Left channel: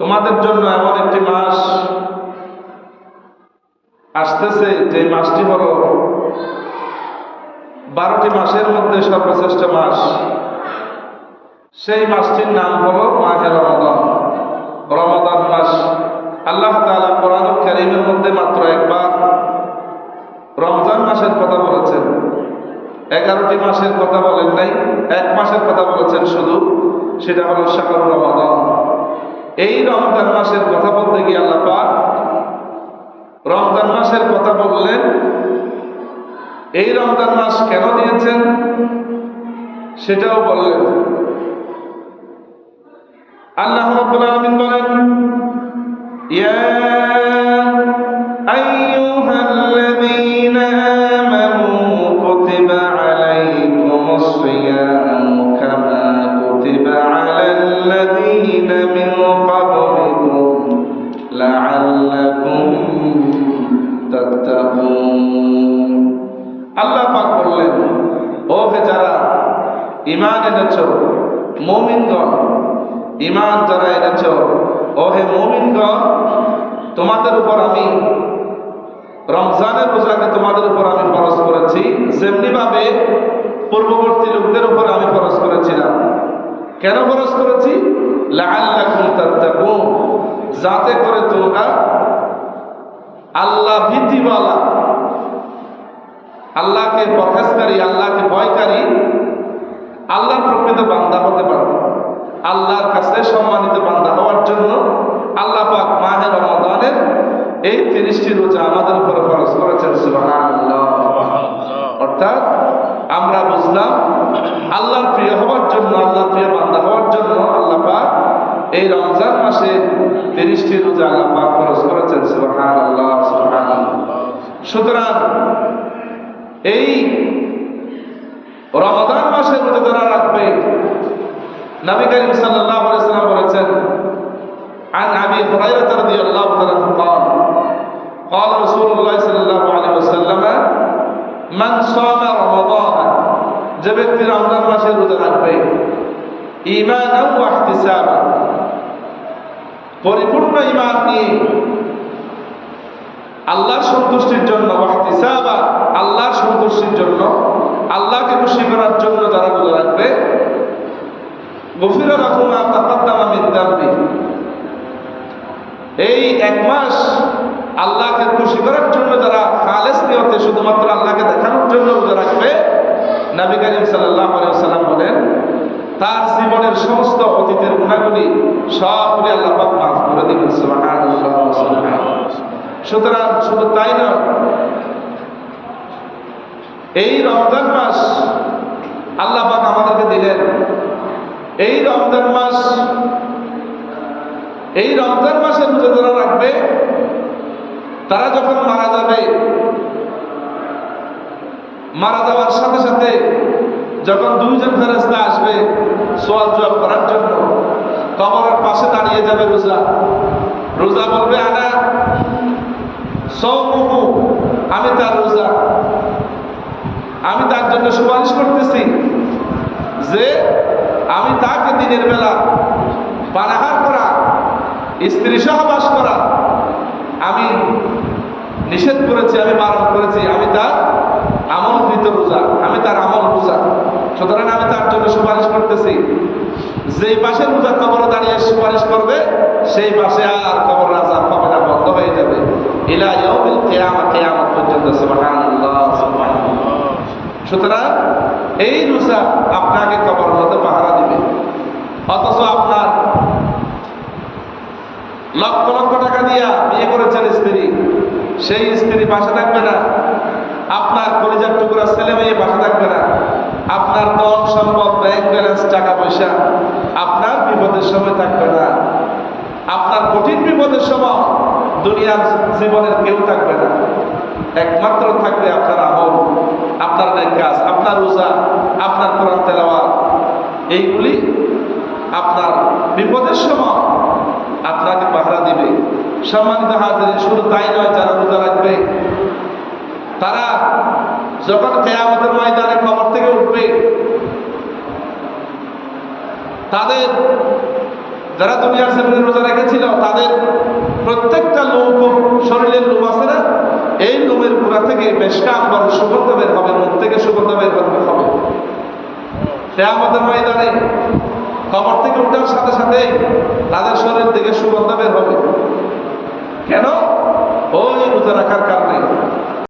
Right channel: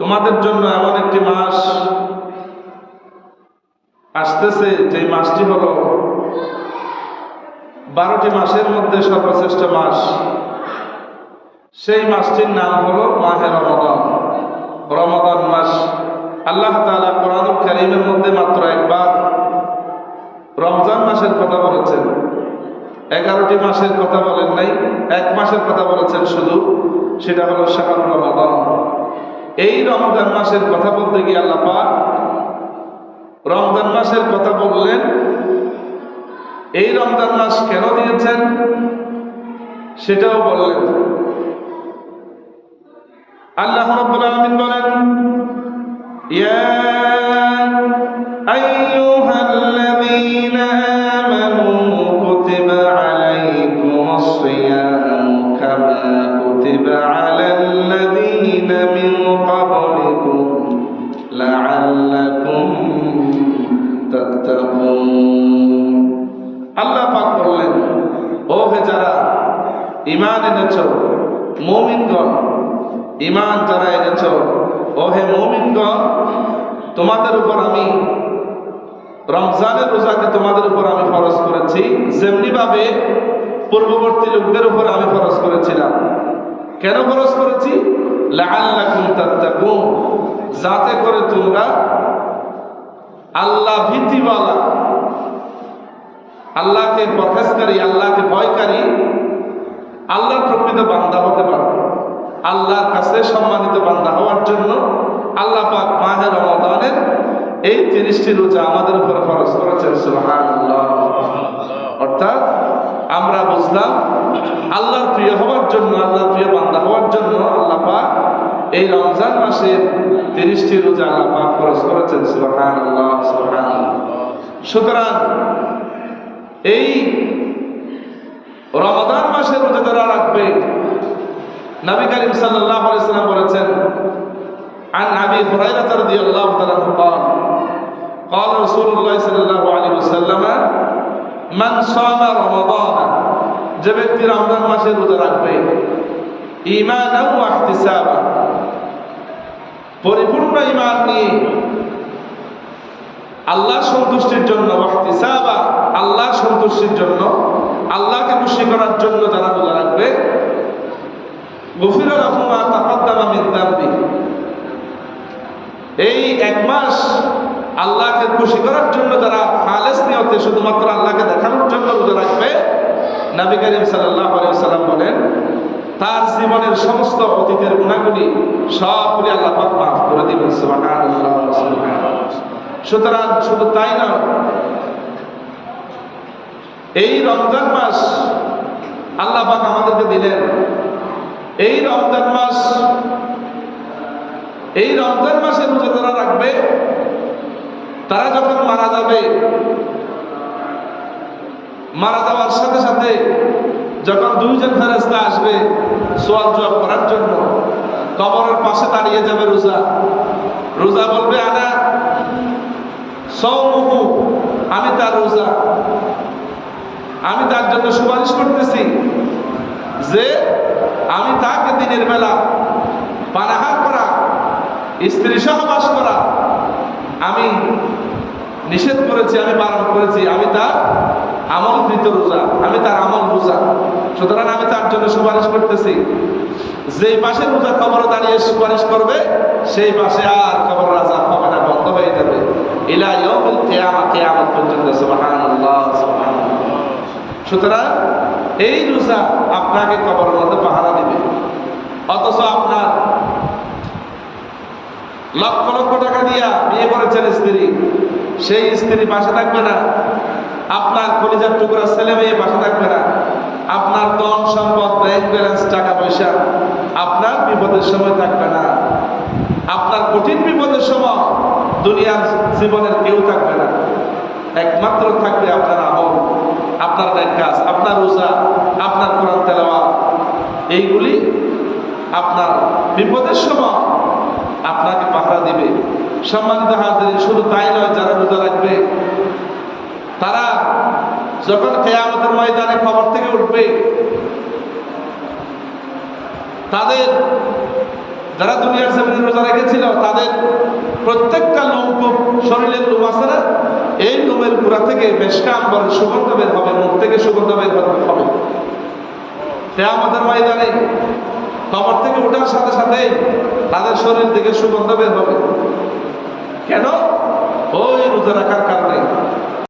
তোমাদের জন্য এমন একটি মাস আসতেছে যে মাসটি হলো 12টি মাসের মধ্যে সর্বশ্রেষ্ঠ মাস। সেই মাসটির নাম হলো মাহে রমাদান, রমাদান মাস। আল্লাহ তাআলা কোরআনুল কারীমের মধ্যে মাত্র একবার রমজান মাসের কথা বলেছেন, 11টি মাসের কথা বলেন নাই, এক মাসের কথা বলেছেন শুধু, সেটা হলো শাহরুর রমাদান। এই রমজান মাসের কথা বলতে গিয়ে আল্লাহ পাক রমজান মাসের কথা বললেন। এই রমজান মাস কেন দিয়েছেন সেটাও বললেন। আল্লাহ রাব্বুল আলামিন বলেন, ইয়া আইয়ুহাল্লাযীনা আমানু কুতিবা আলাইকুমুস সিয়ামু কামা কুতিবা আলাল্লাযীনা মিন ক্বাবলিকুম লাআল্লাকুম তাত্তাকুন। আল্লাহ পাক বললেন, ও হে যারা ঈমান এনেছো, মুমিনগণ, ঈমান যারা এনেছো, ও হে মুমিনগণ, তোমাদের উপর আমি রমজানের রোজাকে তোমাদের উপর আমি ফরজ করেছি, যেমনি ভাবে পূর্ববর্তী লোকদের উপর আমি ফরজ করেছিলাম। কেন ফরজ করেছি? লাআল্লাকুম তাত্তাকুন, যাতে করে তোমরা আল্লাহ ভীতিওয়ালা, আল্লাহকে পরহেজকারী, আল্লাহকে ভয়কারী, আল্লাহর প্রকৃত বান্দা হতে পারো। আল্লাহর কাছে সম্মানিত বান্দা হওয়ার জন্য আল্লাহ পাক মাহে রমাদানের এই 30টি রোজা আমাদের উপর ফরজ করেছেন। সুবহানাল্লাহ। অর্থাৎ আমরা বুঝলাম আল্লাহর প্রিয় হওয়ার জন্য, আল্লাহর প্রিয় বান্দা হওয়ার জন্য আল্লাহ পাক এই রমজান মাসে 30টি রোজা আল্লাহ পাক ফরজ করেছেন। সুবহানাল্লাহ, সুবহানাল্লাহ। সুতরাং এই রমাদান মাসে রোজা যারা রাখবে, নবী করিম সাল্লাল্লাহু আলাইহি ওয়াসাল্লাম বলেছেন, عن أبي هريرة رضي الله عنه قال قال رسول الله صلى الله عليه وسلم من صام رمضان, যে ব্যক্তি রমজান মাসে রোজা রাখবে, ঈমানান ওয়া ইহতিসাবান, পরিপূর্ণ ঈমান নিয়ে, আল্লাহর সন্তুষ্টির জন্য, ওয়া ইহতিসাবান, আল্লাহর সন্তুষ্টির জন্য, আল্লাহকে খুশি করার জন্য যারা রোজা রাখবে, গুফিরা লাহু মা তাকাদ্দামা মিন যামবি, এই এক মাস আল্লাহকে খুশি করার জন্য যারা খালেস নিয়তে শুধুমাত্র আল্লাহকে দেখানোর জন্য রোজা রাখবে, নবী করিম সাল্লাল্লাহু আলাইহি ওয়াসাল্লাম বলেন, তার জীবনের সমস্ত অতীতের গুনাহগুলি সবগুলি আল্লাহ পাক মাফ করে দিবেন। সুবহানাল্লাহ, সুবহানাল্লাহ। সুতরাং শুধু তাই নয়, এই রমজান মাস আল্লাহ পাক আমাদেরকে দিলেন। এই রমজান মাস, এই রমজান মাসে রোজা যারা রাখবে, তারা যখন মারা যাবে, মারা যাওয়ার সাথে সাথে যখন দুইজন ফেরেশতা আসবে সওয়াল জবাব করার জন্য, কবরের পাশে দাঁড়িয়ে যাবে রোজা। রোজা বলবে, আনা সাওমুহু, আমি তার রোজা, আমি তার জন্য সুপারিশ করতেছি যে আমি তাকে দিনের বেলা পানাহার করা, স্ত্রী সহবাস করা আমি নিষেধ করেছি, আমি বারণ করেছি, আমি তার আমলকৃত রোজা, আমি তার আমল রোজা। সুতরাং আমি তার জন্য সুপারিশ করতেছি। যেই পাশে রোজা কবরে দাঁড়িয়ে সুপারিশ করবে, সেই পাশে আর কবর আযাব হবে না, বন্ধ হয়ে যাবে ইলা ইয়াউমিল কিয়ামা, কিয়ামত পর্যন্ত। সুবহানাল্লাহ, সুবহানাল্লাহ। সুতরাং এই রোজা আপনাকে কবরের মধ্যে পাহারা দিবে। অথচ আপনার লক্ষ লক্ষ টাকা দিয়া বিয়ে করেছেন স্ত্রী, সেই স্ত্রী পাশে থাকবে না। আপনার কলিজার টুকরা ছেলে মেয়ে পাশে থাকবে না। আপনার ধন সম্পদ, ব্যাংক ব্যালেন্স, টাকা পয়সা আপনার বিপদের সময় থাকবে না। আপনার কঠিন বিপদের সময় দুনিয়ার জীবনের কেউ থাকবে না। একমাত্র থাকবে আপনার আমল, আপনার নেক কাজ, আপনার রোজা, আপনার কোরআন তেলাওয়াত। এইগুলি আপনার বিপদের সময় আপনাকে পাহারা দিবে। সম্মানিত হাজিরিন, শুধু তাই নয়, যারা রোজা রাখবে তারা যখন কিয়ামতের ময়দানে কবর থেকে উঠবে, তাদের যারা দুনিয়ার জমিনে রোজা রেখেছিল তাদের প্রত্যেকটা লোম, শরীরের লোম আছে না, এই লোমের গোড়া থেকে মেশকাত বলে সুগন্ধ বের হবে, মুখ থেকে সুগন্ধ বের হবে। কিয়ামতের ময়দানে কবর থেকে ওঠার সাথে সাথে তাদের শরীর থেকে সুগন্ধ বের হবে। কেন?